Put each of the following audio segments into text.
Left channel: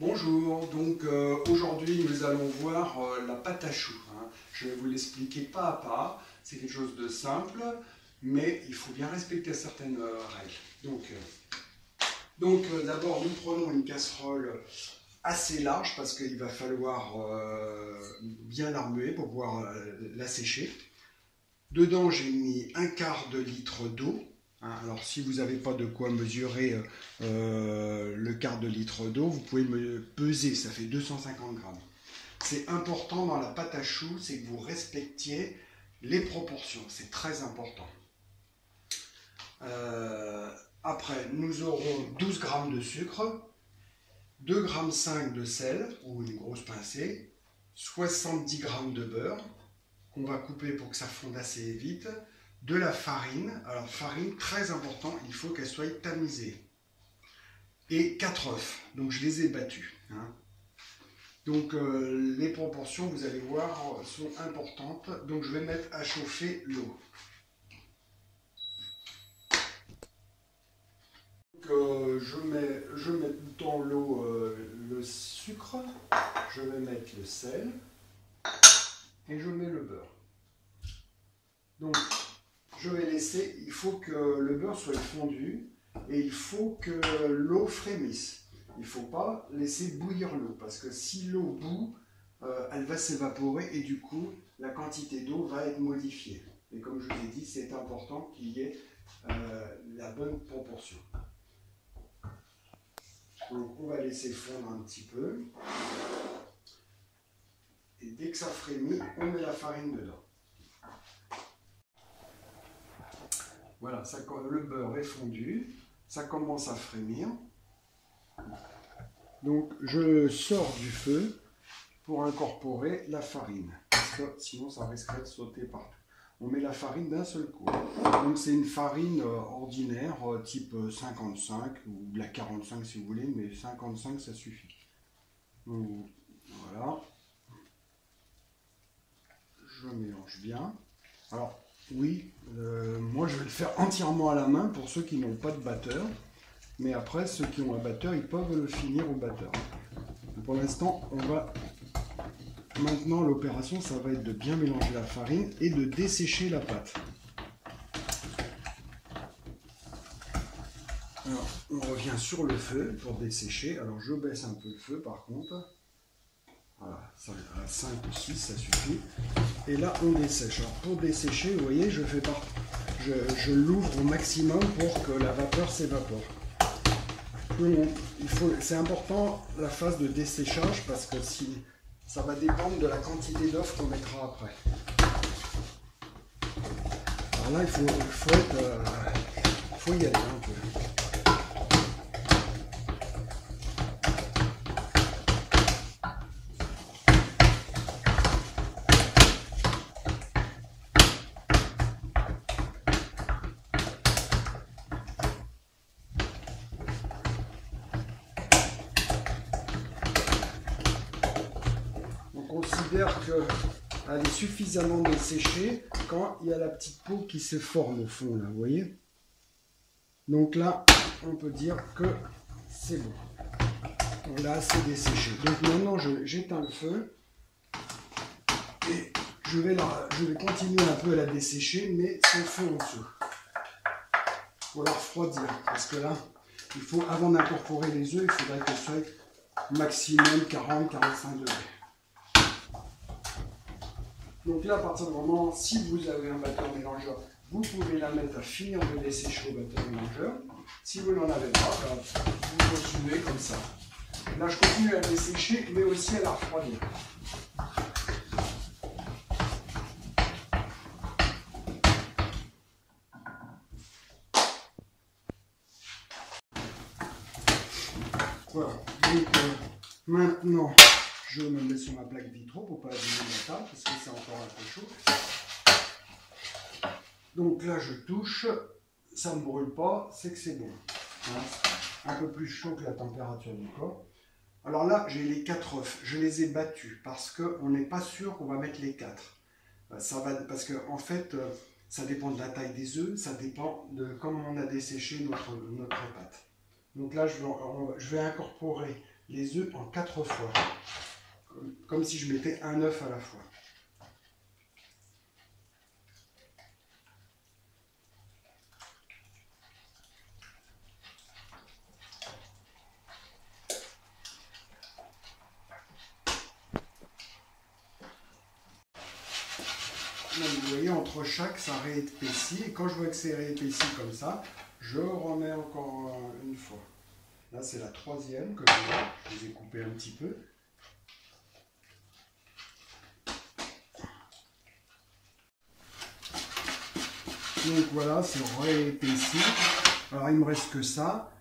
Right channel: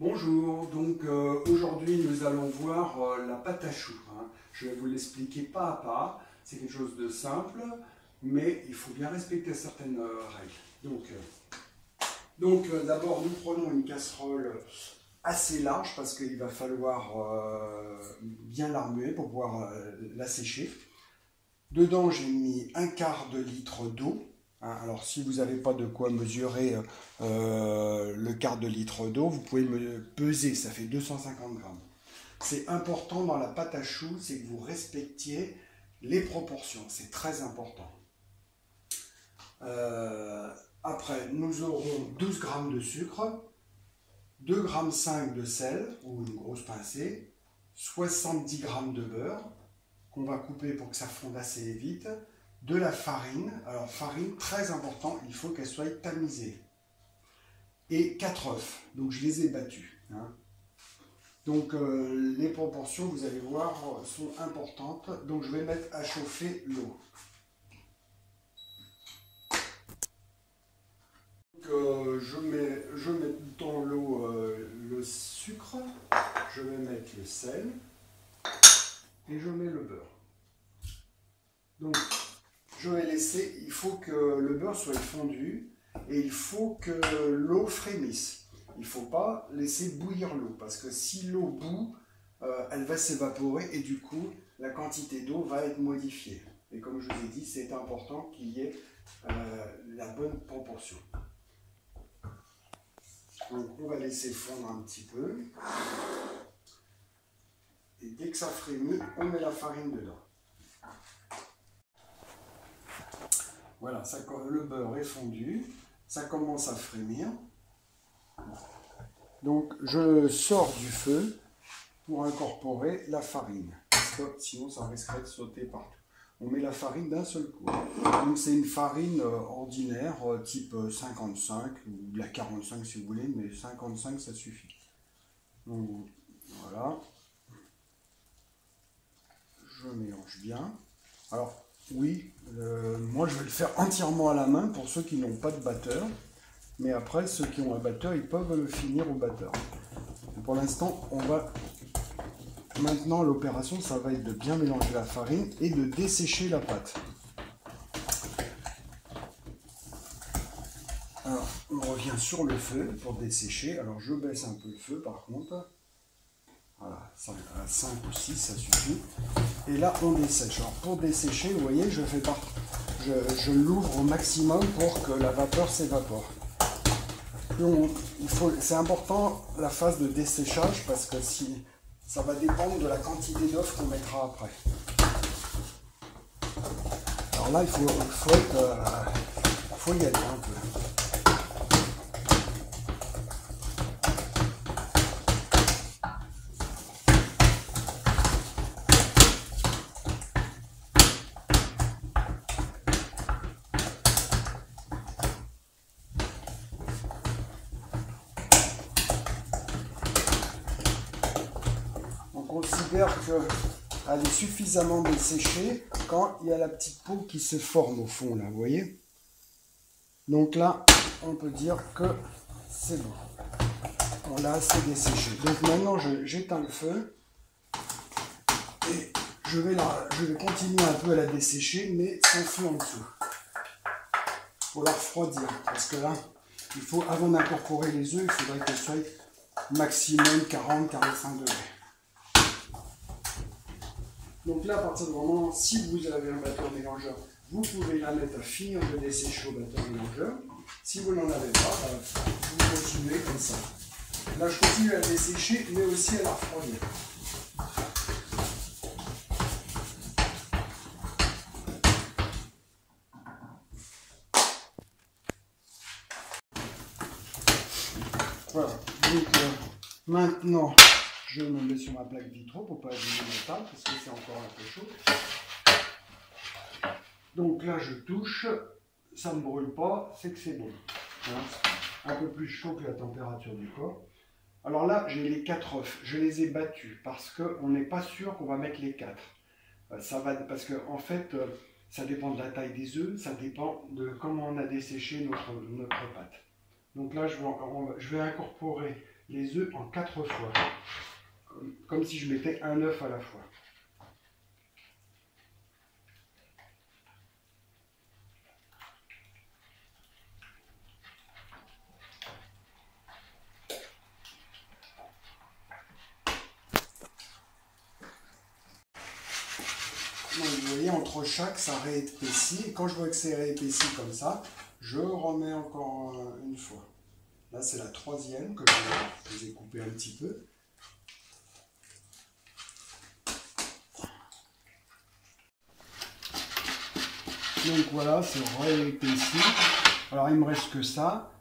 Bonjour, donc aujourd'hui nous allons voir la pâte à choux. Je vais vous l'expliquer pas à pas, c'est quelque chose de simple, mais il faut bien respecter certaines règles. D'abord nous prenons une casserole assez large parce qu'il va falloir bien la remuer pour pouvoir la sécher. Dedans j'ai mis un quart de litre d'eau. Alors si vous n'avez pas de quoi mesurer le quart de litre d'eau, vous pouvez me peser, ça fait 250 grammes. C'est important dans la pâte à choux, c'est que vous respectiez les proportions, c'est très important. Après, nous aurons 12 grammes de sucre, 2,5 g de sel, ou une grosse pincée, 70 grammes de beurre, qu'on va couper pour que ça fonde assez vite, de la farine, alors farine très important, il faut qu'elle soit tamisée, et 4 œufs, donc je les ai battus. Donc les proportions, vous allez voir, sont importantes, donc je vais mettre à chauffer l'eau. Je mets dans l'eau le sucre, je vais mettre le sel, et je mets le beurre. Donc je vais laisser, il faut que le beurre soit fondu et il faut que l'eau frémisse. Il ne faut pas laisser bouillir l'eau parce que si l'eau bout, elle va s'évaporer et du coup, la quantité d'eau va être modifiée. Et comme je vous ai dit, c'est important qu'il y ait la bonne proportion. Donc on va laisser fondre un petit peu. Et dès que ça frémit, on met la farine dedans. Voilà, le beurre est fondu, ça commence à frémir. Donc je sors du feu pour incorporer la farine, parce que sinon ça risquerait de sauter partout. On met la farine d'un seul coup. Donc c'est une farine ordinaire, type 55, ou de la 45 si vous voulez, mais 55 ça suffit. Donc voilà. Je mélange bien. Alors, oui, moi je vais le faire entièrement à la main pour ceux qui n'ont pas de batteur. Mais après, ceux qui ont un batteur, ils peuvent le finir au batteur. Pour l'instant, maintenant, l'opération, ça va être de bien mélanger la farine et de dessécher la pâte. Alors, on revient sur le feu pour dessécher. Alors, je baisse un peu le feu par contre. Voilà, à 5 ou 6, ça suffit. Et là, on dessèche. Alors, pour dessécher, vous voyez, je l'ouvre au maximum pour que la vapeur s'évapore. C'est important la phase de desséchage parce que ça va dépendre de la quantité d'œufs qu'on mettra après. Alors là, il faut y aller un peu. On considère qu'elle est suffisamment desséchée quand il y a la petite peau qui se forme au fond, là, vous voyez? Donc là, on peut dire que c'est bon. On l'a assez desséché. Donc maintenant, j'éteins le feu et je vais continuer un peu à la dessécher, mais sans feu en dessous. Il faut la refroidir parce que là, avant d'incorporer les œufs, il faudrait que ça aille maximum 40-45 degrés. Donc là, à partir du moment, si vous avez un batteur mélangeur, vous pouvez la mettre à finir de dessécher au batteur mélangeur. Si vous n'en avez pas, vous continuez comme ça. Là, je continue à dessécher, mais aussi à la refroidir. Voilà. Donc maintenant, je me mets sur ma plaque vitro pour ne pas abîmer la table, parce que c'est encore un peu chaud. Donc là, je touche, ça ne brûle pas, c'est que c'est bon. Voilà. Un peu plus chaud que la température du corps. Alors là, j'ai les 4 œufs, je les ai battus, parce qu'on n'est pas sûr qu'on va mettre les 4. Parce que en fait, ça dépend de la taille des œufs, ça dépend de comment on a desséché notre pâte. Donc là, je vais incorporer les œufs en 4 fois. Comme si je mettais un œuf à la fois. Donc, vous voyez, entre chaque, ça réépaissit. Et quand je vois que c'est réépaissi comme ça, je remets encore une fois. Là, c'est la troisième que je les ai coupés un petit peu. Donc voilà, c'est réépaissi. Alors, il me reste que ça.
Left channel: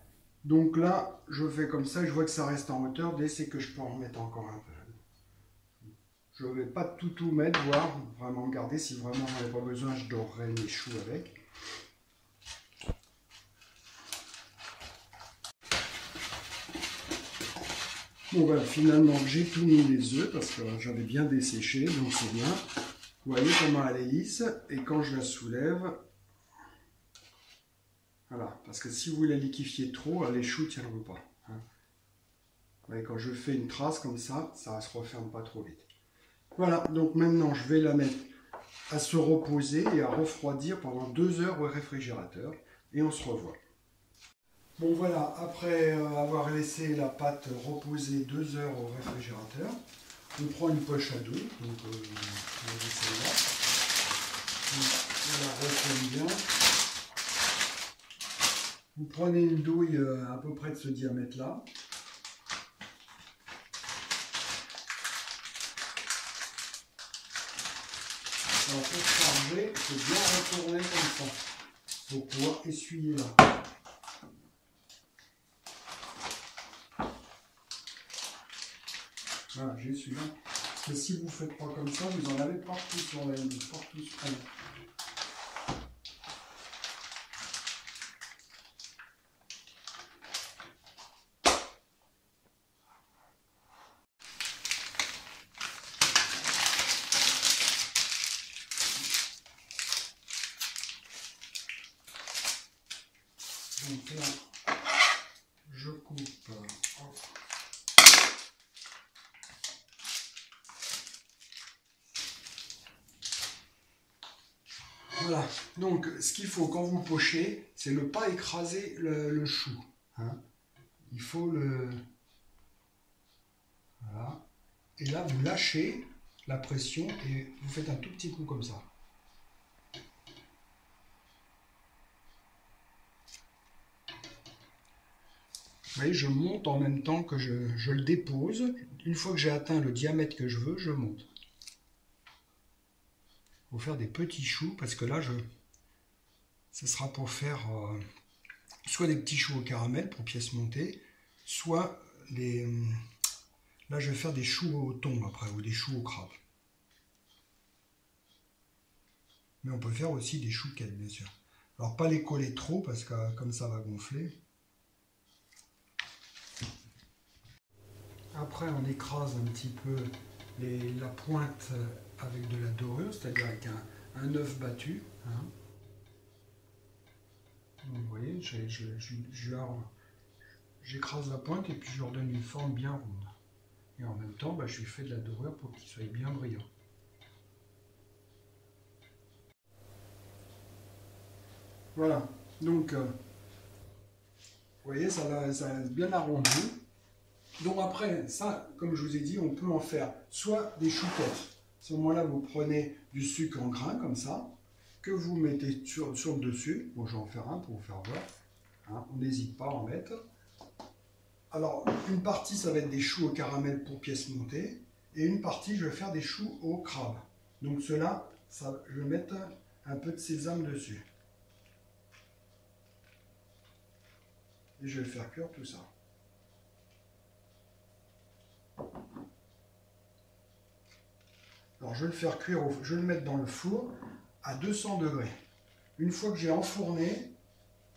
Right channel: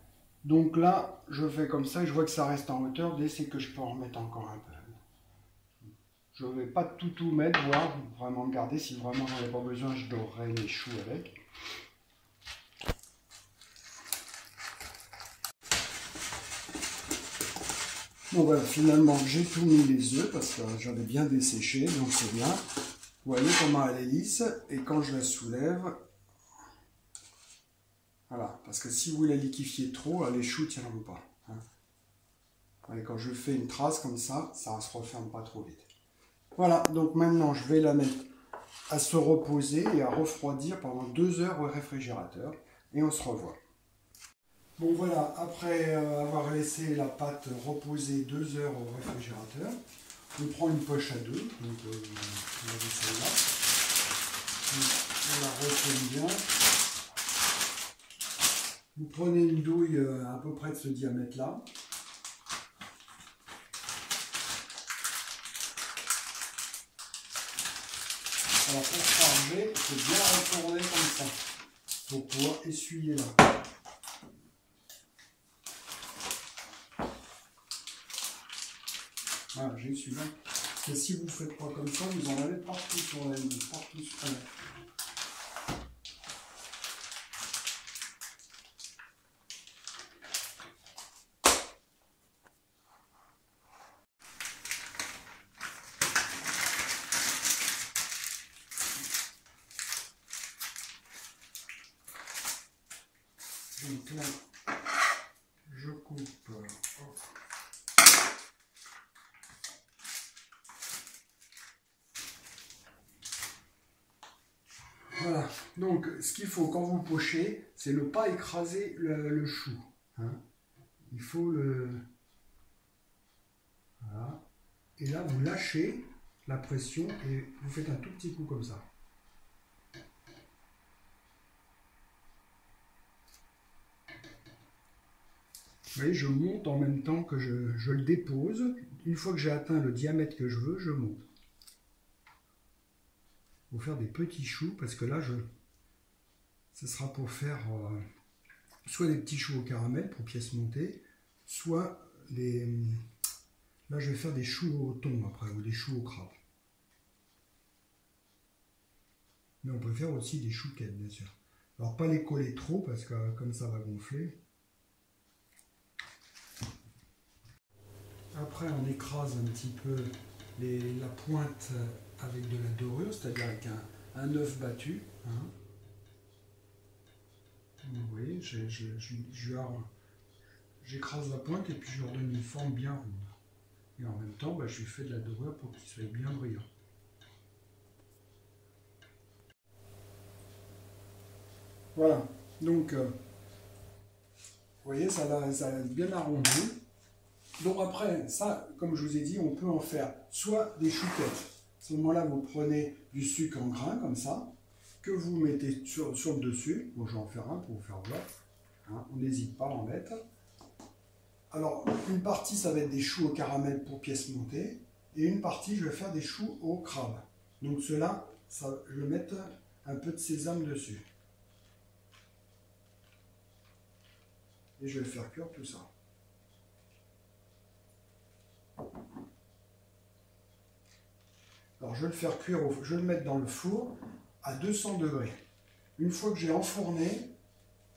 Donc là, je fais comme ça et je vois que ça reste en hauteur. Dès c'est que je peux en remettre encore un peu. Je ne vais pas tout mettre, voire vraiment garder. Si vraiment j'en ai pas besoin, je dorerai mes choux avec. Donc voilà, finalement j'ai tout mis les œufs parce que j'avais bien desséché, donc c'est bien. Vous voyez comment elle est lisse, et quand je la soulève, voilà, parce que si vous la liquéfiez trop, les choux ne tiendront pas. Hein. Vous voyez, quand je fais une trace comme ça, ça ne se referme pas trop vite. Voilà, donc maintenant je vais la mettre à se reposer et à refroidir pendant 2 heures au réfrigérateur, et on se revoit. Bon voilà, après avoir laissé la pâte reposer 2 heures au réfrigérateur, on prend une poche à dos, donc on va celle-là, on la retourne bien. Vous prenez une douille à peu près de ce diamètre-là. Alors pour charger, il faut bien retourner comme ça, pour pouvoir essuyer là. Voilà, j'ai celui-là. Et si vous ne faites pas comme ça, vous en avez partout sur la ligne, partout sur la ligne. Donc là, je coupe. Voilà, donc ce qu'il faut quand vous pochez, c'est ne pas écraser le chou. Hein. Il faut le... Voilà. Et là, vous lâchez la pression et vous faites un tout petit coup comme ça. Vous voyez, je monte en même temps que je le dépose. Une fois que j'ai atteint le diamètre que je veux, je monte. Il faut faire des petits choux parce que là, ce sera pour faire soit des petits choux au caramel pour pièces montées, soit des... Là, je vais faire des choux au thon après, ou des choux au crabe. Mais on peut faire aussi des chouquettes, bien sûr. Alors, pas les coller trop parce que comme ça va gonfler. Après, on écrase un petit peu la pointe avec de la dorure, c'est-à-dire avec un œuf battu. Hein. Vous voyez, j'écrase la pointe et puis je leur donne une forme bien ronde. Et en même temps, je lui fais de la dorure pour qu'il soit bien brillant. Voilà, donc, vous voyez, ça va bien arrondi. Donc après, ça, comme je vous ai dit, on peut en faire soit des chouquettes. À ce moment-là, vous prenez du sucre en grains, comme ça, que vous mettez sur le dessus. Bon, je vais en faire un pour vous faire voir. Hein, on n'hésite pas à en mettre. Alors, une partie, ça va être des choux au caramel pour pièces montées. Et une partie, je vais faire des choux au crabe. Donc ceux-là, je vais mettre un peu de sésame dessus. Et je vais faire cuire tout ça. Alors je vais le faire cuire, je vais le mettre dans le four à 200 degrés. Une fois que j'ai enfourné,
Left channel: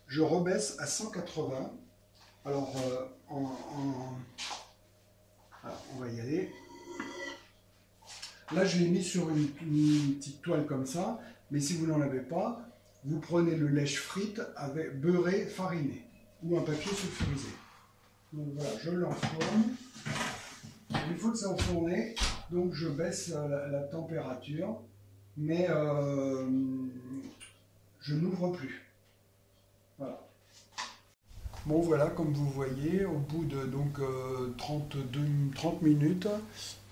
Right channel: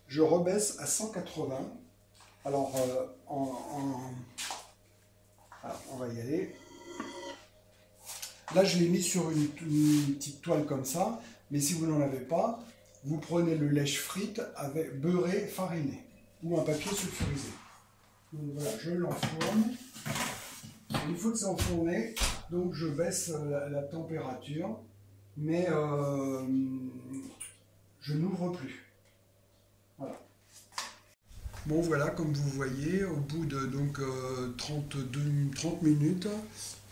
je rebaisse à 180. Alors voilà, on va y aller. Là je l'ai mis sur une petite toile comme ça, mais si vous n'en avez pas, vous prenez le lèche frite avec beurré fariné ou un papier sulfurisé. Donc voilà, je l'enfourne. Une fois que c'est enfourné, donc je baisse la température, mais je n'ouvre plus. Voilà. Bon voilà, comme vous voyez, au bout de donc 30 minutes,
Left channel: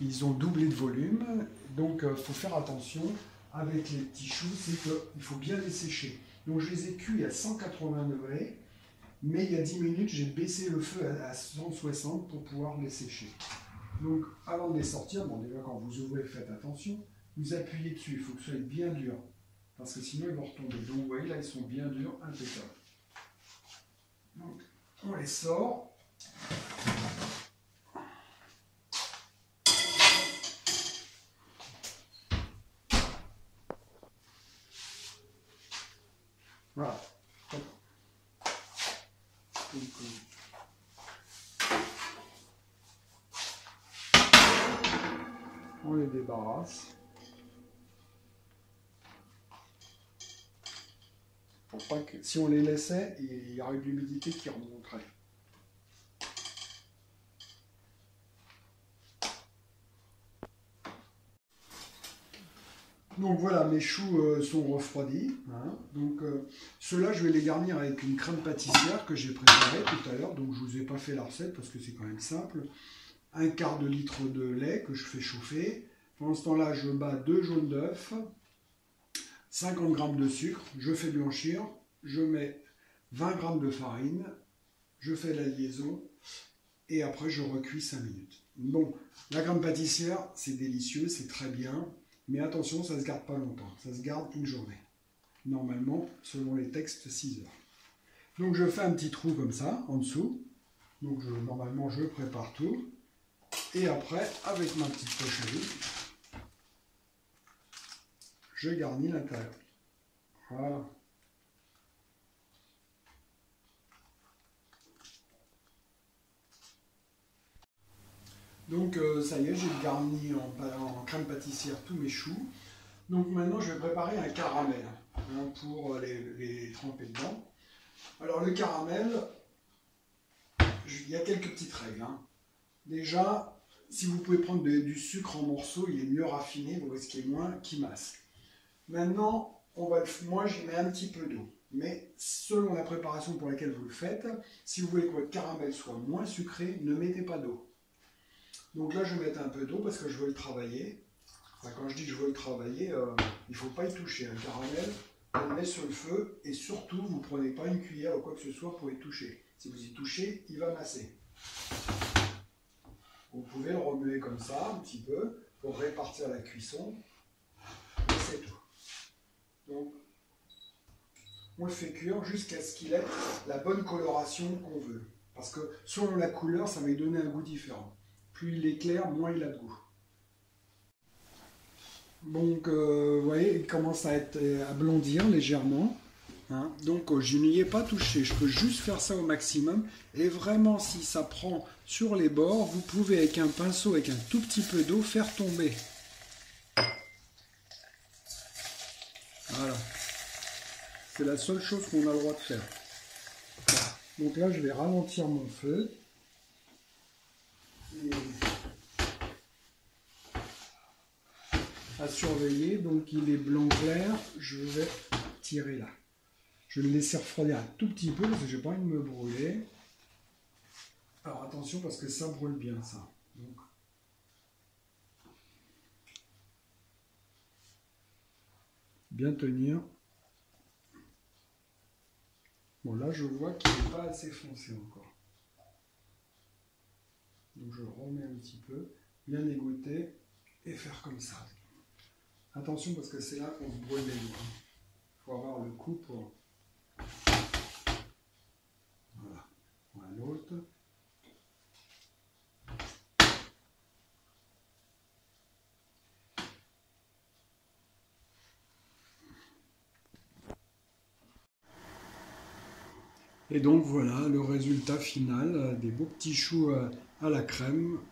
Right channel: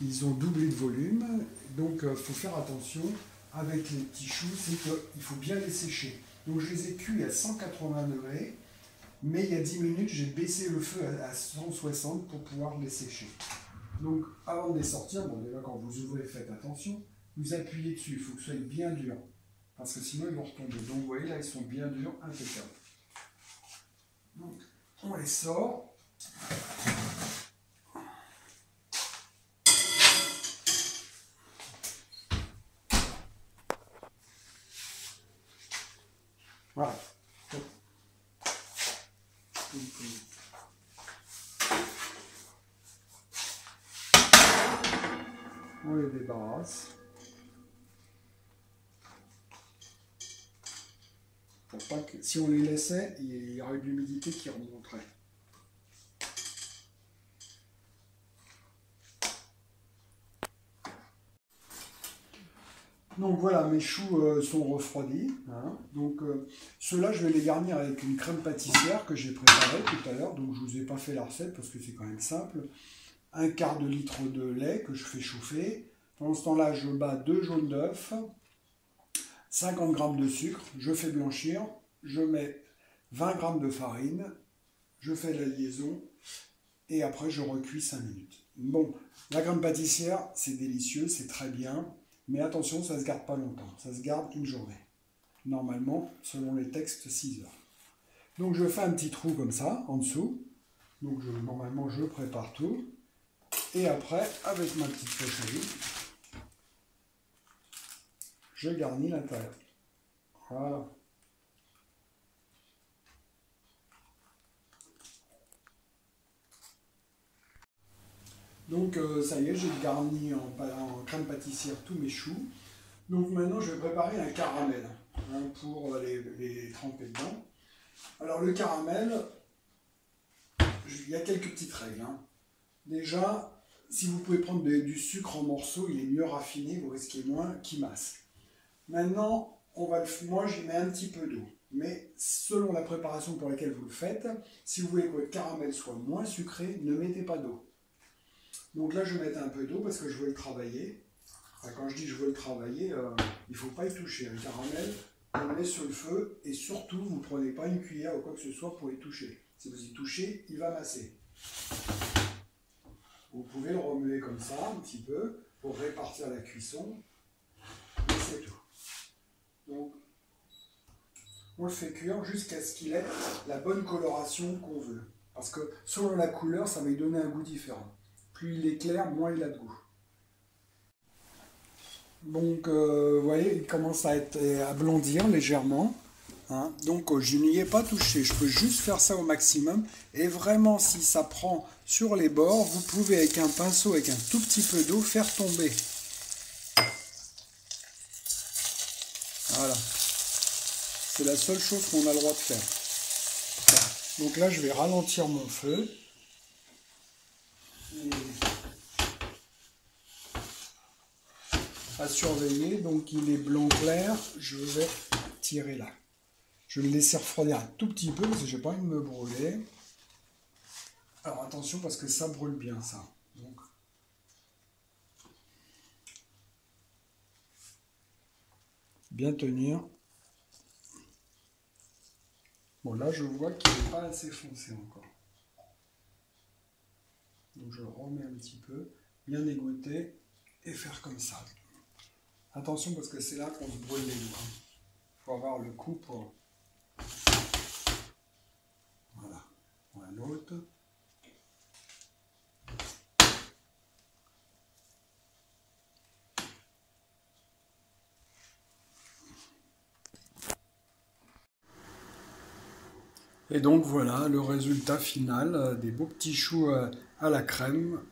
ils ont doublé de volume. Donc il faut faire attention avec les petits choux, c'est qu'il faut bien les sécher. Donc je les ai cuits à 180 degrés, mais il y a 10 minutes, j'ai baissé le feu à 160 pour pouvoir les sécher. Donc avant de les sortir, bon déjà quand vous ouvrez, faites attention, vous appuyez dessus, il faut que ce soit bien dur, parce que sinon ils vont retomber. Donc vous voyez là, ils sont bien durs, impeccables. Donc on les sort. Voilà. On les débarrasse. Pour pas que, si on les laissait, il y aurait de l'humidité qui remonterait. Donc voilà, mes choux sont refroidis. Hein. Donc ceux-là, je vais les garnir avec une crème pâtissière que j'ai préparée tout à l'heure. Donc je ne vous ai pas fait la recette parce que c'est quand même simple. Un quart de litre de lait que je fais chauffer. Pendant ce temps-là, je bats 2 jaunes d'œufs, 50 g de sucre, je fais blanchir, je mets 20 g de farine, je fais la liaison et après je recuis 5 minutes. Bon, la crème pâtissière, c'est délicieux, c'est très bien. Mais attention, ça ne se garde pas longtemps, ça se garde une journée. Normalement, selon les textes, 6 heures. Donc je fais un petit trou comme ça, en dessous. Donc normalement, je prépare tout. Et après, avec ma petite poche à vide, je garnis l'intérieur. Voilà. Donc ça y est, j'ai garni en crème pâtissière tous mes choux. Donc maintenant, je vais préparer un caramel hein, pour les tremper dedans. Alors le caramel, il y a quelques petites règles. Hein. Déjà, si vous pouvez prendre du sucre en morceaux, il est mieux raffiné, vous risquez moins qu'il masse. Maintenant, moi j'y mets un petit peu d'eau. Mais selon la préparation pour laquelle vous le faites, si vous voulez que votre caramel soit moins sucré, ne mettez pas d'eau. Donc là, je vais mettre un peu d'eau parce que je veux le travailler. Enfin, quand je dis je veux le travailler, il ne faut pas y toucher. Un caramel, on le met sur le feu et surtout, vous ne prenez pas une cuillère ou quoi que ce soit pour y toucher. Si vous y touchez, il va masser. Vous pouvez le remuer comme ça, un petit peu, pour répartir la cuisson. Et c'est tout. Donc, on le fait cuire jusqu'à ce qu'il ait la bonne coloration qu'on veut. Parce que selon la couleur, ça va lui donner un goût différent. Plus il est clair, moins il a de goût. Donc, vous voyez, il commence à blondir légèrement. Hein. Donc, je n'y ai pas touché. Je peux juste faire ça au maximum. Et vraiment, si ça prend sur les bords, vous pouvez, avec un pinceau, avec un tout petit peu d'eau, faire tomber. Voilà. C'est la seule chose qu'on a le droit de faire. Donc là, je vais ralentir mon feu. Et à surveiller, donc il est blanc clair, je vais tirer là. Je vais le laisser refroidir un tout petit peu parce que j'ai pas envie de me brûler. Alors attention parce que ça brûle bien ça. Donc, bien tenir. Bon là je vois qu'il n'est pas assez foncé encore. Donc je remets un petit peu, bien égoutter et faire comme ça. Attention parce que c'est là qu'on se brûle les doigts. Il faut avoir le coup pour... Voilà, pour un autre. Et donc voilà le résultat final des beaux petits choux à la crème